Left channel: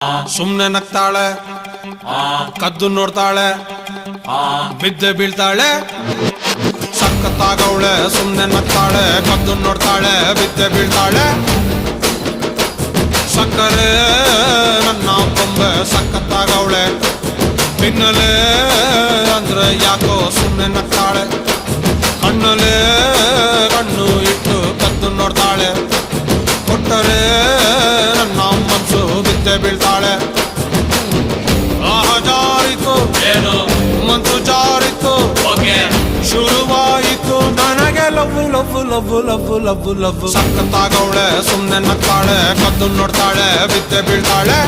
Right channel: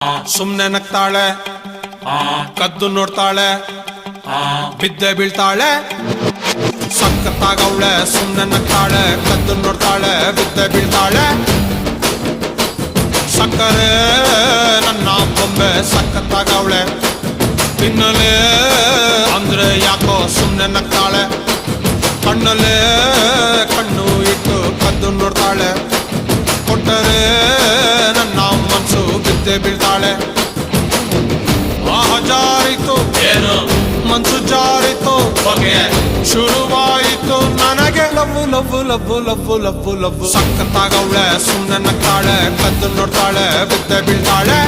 ಸುಮ್ನೆ ನಗ್ತಾಳೆ, ಕದ್ದು ನೋಡ್ತಾಳೆ, ಬಿದ್ದೆ ಬೀಳ್ತಾಳೆ. ಸಖತ್ತಾಗವಳೆ, ಸುಮ್ನೆ ನಗ್ತಾಳೆ, ಕದ್ದು ನೋಡ್ತಾಳೆ, ಬಿದ್ದೆ ಬೀಳ್ತಾಳೆ. ಸಕ್ಕರೆ ನನ್ನ ಬೊಮ್ಮೆ ಸಖತ್ತಾಗವಳೆ, ತಿನ್ನಲೇ ಅಂದ್ರೆ ಯಾಕೋ ಸುಮ್ನೆ ನಗ್ತಾಳೆ. ಹಣ್ಣಲೇ ಹಣ್ಣು ಇಟ್ಟು ಕದ್ದು ನೋಡ್ತಾಳೆ, ಕೊಟ್ಟರೆ ನನ್ನ ಮನಸ್ಸು ಬಿದ್ದೆ ಬೀಳ್ತಾಳೆ. ಜಾರಿತು ಏನು ಮನ್ಸು ಜಾರಿತು, ಬಗೆ ಶುರುವಾಯಿತು ನನಗೆ love love love love love love. ಸಖತ್ತಾಗವಳೆ, ಸುಮ್ನೆ ನಗ್ತಾಳೆ, ಕದ್ದು ನೋಡ್ತಾಳೆ, ಬಿದ್ದೆ ಬೀಳ್ತಾಳೆ.